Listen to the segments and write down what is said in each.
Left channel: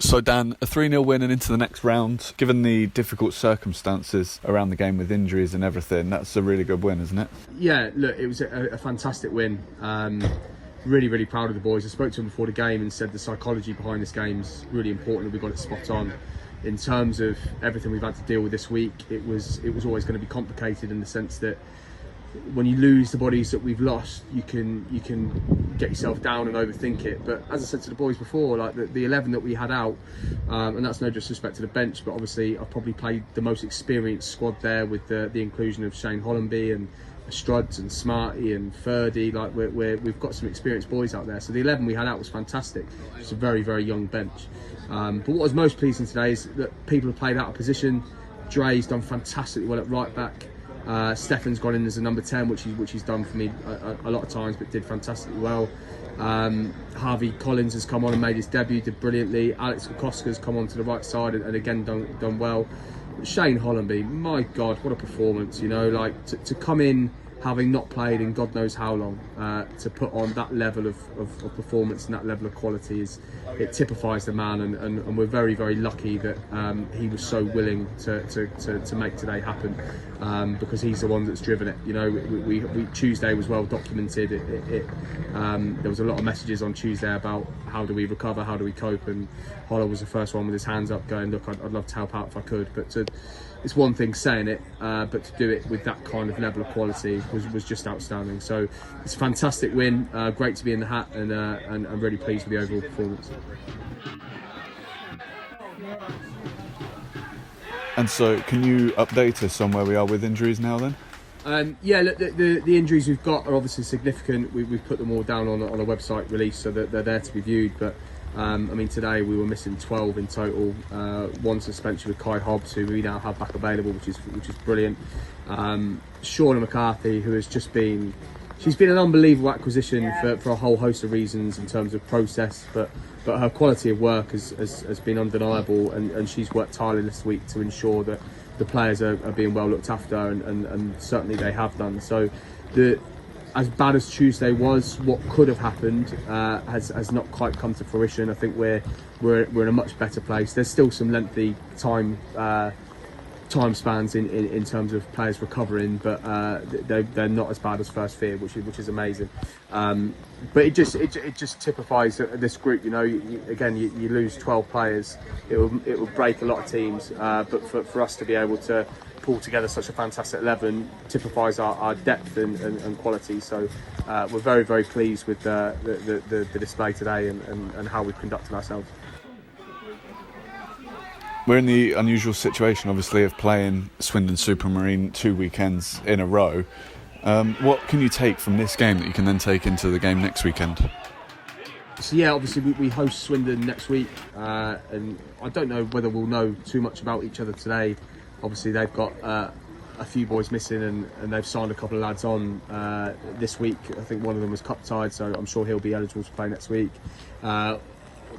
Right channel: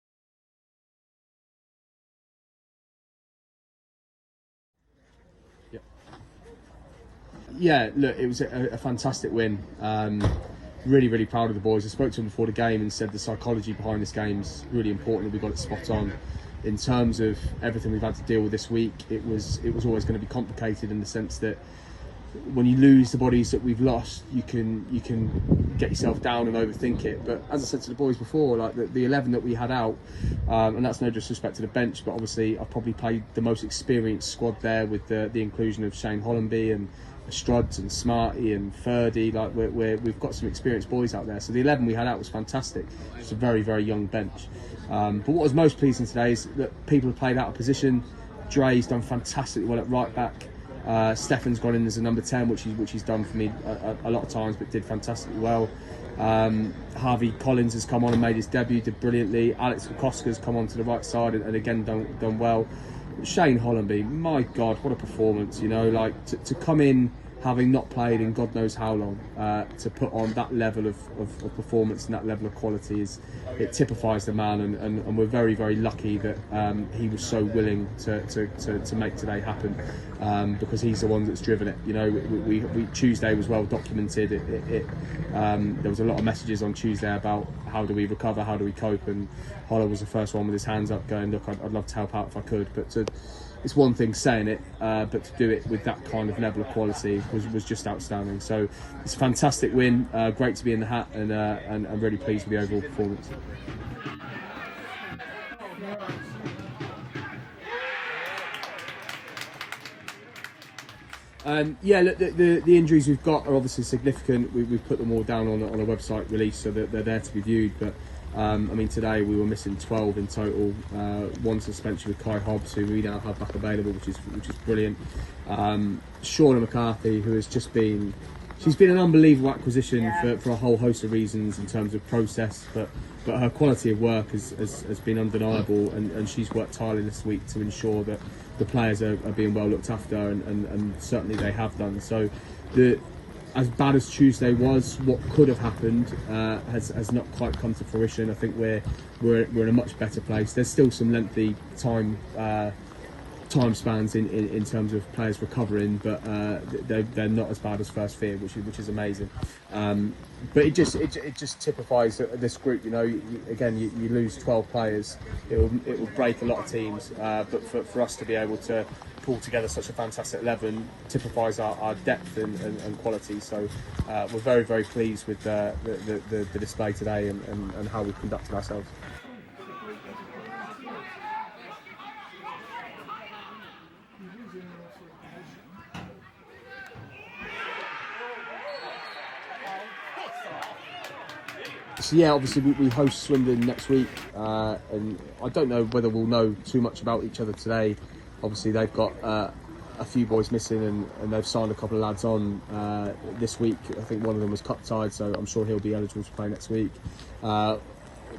So Dan, a 3-0 win and into the next round, given the difficult circumstances around the game with injuries and everything, that's a really good win, isn't it? Yeah, look, it was a fantastic win. Really proud of the boys. I spoke to them before the game and said the psychology behind this game's really important. We got it spot on. In terms of everything we've had to deal with this week, it was always going to be complicated in the sense that when you lose the bodies that we've lost, you can get yourself down and overthink it. But as I said to the boys before, like the 11 that we had out, and that's no disrespect to the bench, but obviously I've probably played the most experienced squad there with the inclusion of Shane Hollenby and Struds and Smarty and Ferdy. Like we've got some experienced boys out there. So the 11 we had out was fantastic. It's a very young bench. But what was most pleasing today is that people have played out of position. Dre's done fantastically well at right back. Stefan's gone in as a number 10, which he's done for me a lot of times, but did fantastically well. Harvey Collins has come on and made his debut, did brilliantly. Alex Kokoska's come on to the right side and again done well. Shane Hollenby, my God, what a performance! You know, like to come in having not played in God knows how long, to put on that level of performance and that level of quality it typifies the man, and we're very lucky that he was so willing to make today happen, because he's the one that's driven it. You know, we Tuesday was well documented. There was a lot of messages on Tuesday about how do we recover, how do we cope, and Holler was the first one with his hands up going, look, I'd love to help out if I could, but it's one thing saying it, but to do it with that kind of level of quality was just outstanding. So it's a fantastic win, great to be in the hat, and I'm really pleased with the overall performance. And so can you update us on where we are with injuries now then? Yeah, look, the injuries we've got are obviously significant. We've put them all down on a website release so that they're there to be viewed, but I mean, today we were missing 12 in total. One suspension with Kai Hobbs, who we now have back available, which is brilliant. Shauna McCarthy, who has just been, she's been an unbelievable acquisition for a whole host of reasons in terms of process, but her quality of work has been undeniable, and she's worked tirelessly this week to ensure that the players are being well looked after, and certainly they have done. So as bad as Tuesday was, what could have happened has not quite come to fruition. I think we're in a much better place. There's still some lengthy time spans in terms of players recovering, but they're not as bad as first fear, which is amazing. But it just typifies this group. You know, you lose 12 players, it will break a lot of teams. But for us to be able to pull together such a fantastic 11 typifies our depth and quality. So we're very pleased with the display today and how we've conducted ourselves. We're in the unusual situation, obviously, of playing Swindon Supermarine 2 weekends in a row. What can you take from this game that you can then take into the game next weekend? So yeah, obviously we host Swindon next week, and I don't know whether we'll know too much about each other today. Obviously they've got a few boys missing, and they've signed a couple of lads on this week. I think one of them was cut-tied, so I'm sure he'll be eligible to play next week.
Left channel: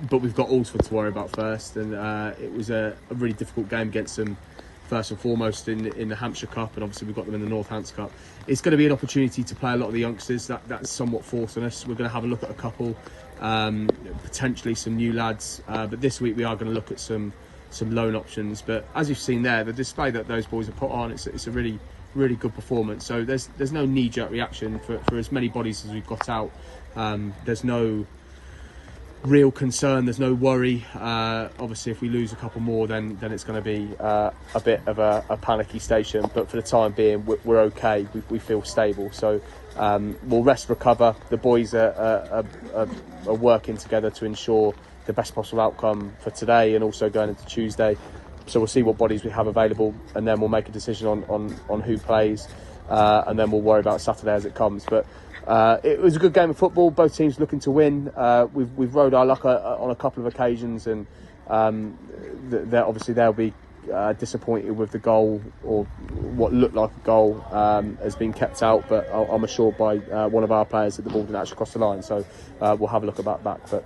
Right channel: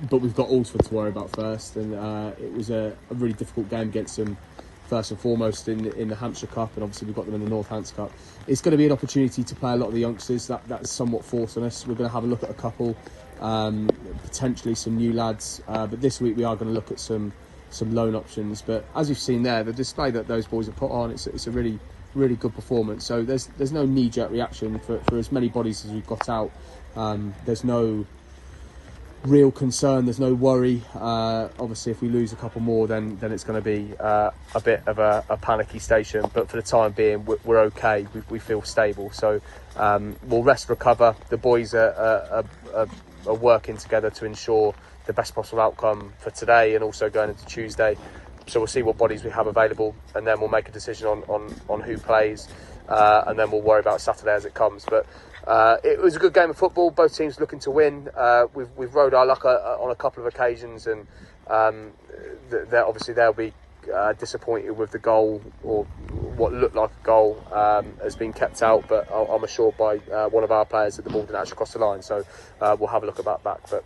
But we've got Alsford to worry about first, and it was a really difficult game against them, first and foremost in the Hampshire Cup, and obviously we've got them in the Northants Cup. It's going to be an opportunity to play a lot of the youngsters. That's somewhat forcing us. We're going to have a look at a couple, potentially some new lads, but this week we are going to look at some loan options. But as you've seen there, the display that those boys have put on, it's a really good performance. So there's no knee-jerk reaction for as many bodies as we've got out. There's no real concern, there's no worry. Obviously if we lose a couple more, then it's going to be a bit of a panicky station, but for the time being we're okay. We feel stable, so we'll rest, recover. The boys are working together to ensure the best possible outcome for today and also going into Tuesday. So we'll see what bodies we have available, and then we'll make a decision on who plays, and then we'll worry about Saturday as it comes. But it was a good game of football, both teams looking to win. We've rode our luck on a couple of occasions, and obviously they'll be disappointed with the goal, or what looked like a goal has been kept out, but I'm assured by one of our players that didn't actually cross the line, so we'll have a look about that. But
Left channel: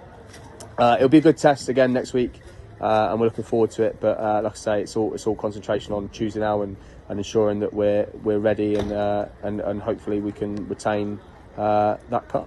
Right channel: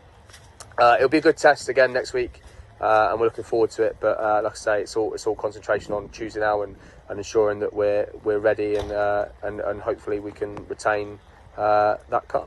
it'll be a good test again next week, and we're looking forward to it. But like I say, it's all concentration on Tuesday now, and ensuring that we're ready, and hopefully we can retain that cup.